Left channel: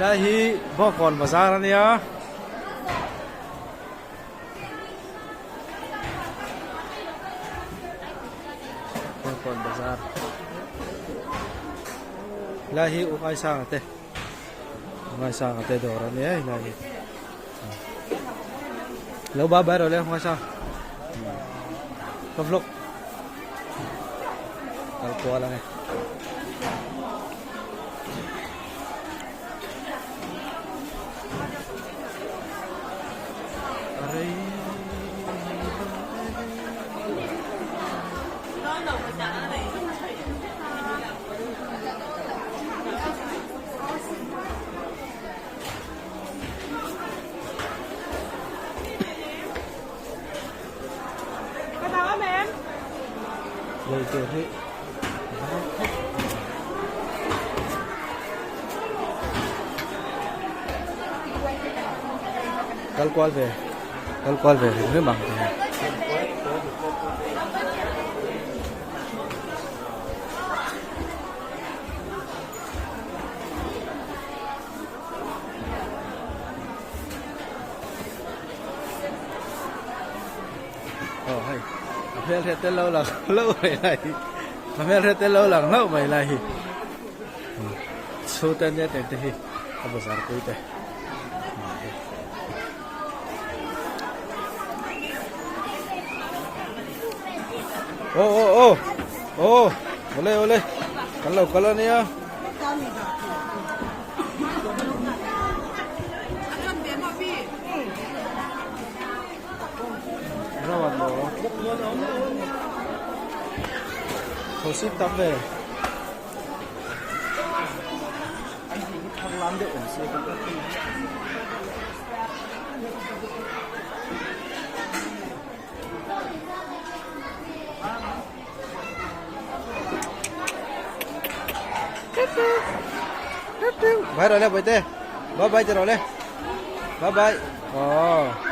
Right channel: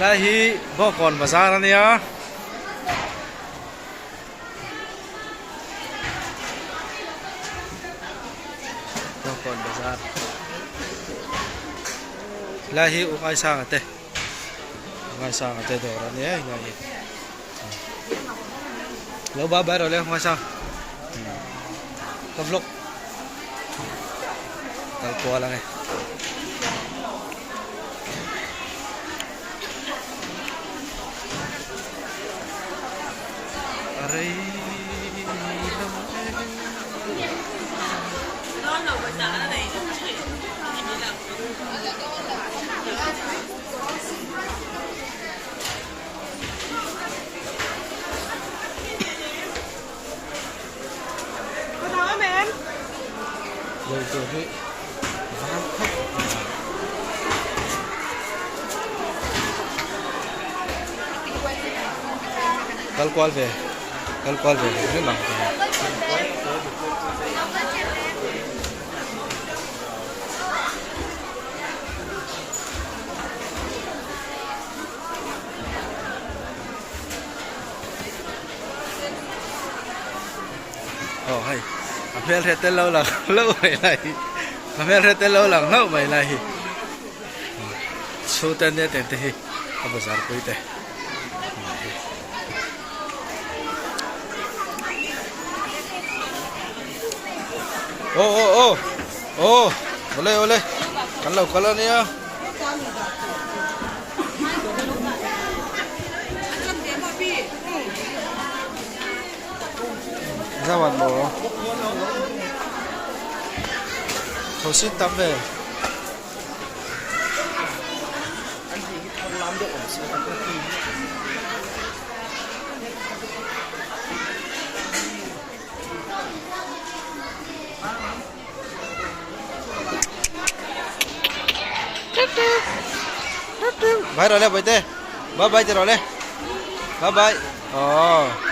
là hi bo kon bazar ania bo kon bazar là hi ukai sang ate đồ ra nia là hi lâu ba ba rồi lên ukai sang vlog tal qua lang eh aray rồi rồi thế vang khóc Kal qual về nước bằng hay Apel rete lâu là lâu mày này Apel rete lâu là lâu mày này số tên nhé tên thì apa besar kui teh boleh kalau ni ya Zawan mo Thổ xin tắm về bye rồi lên bye tê bye bye rồi lên bye bye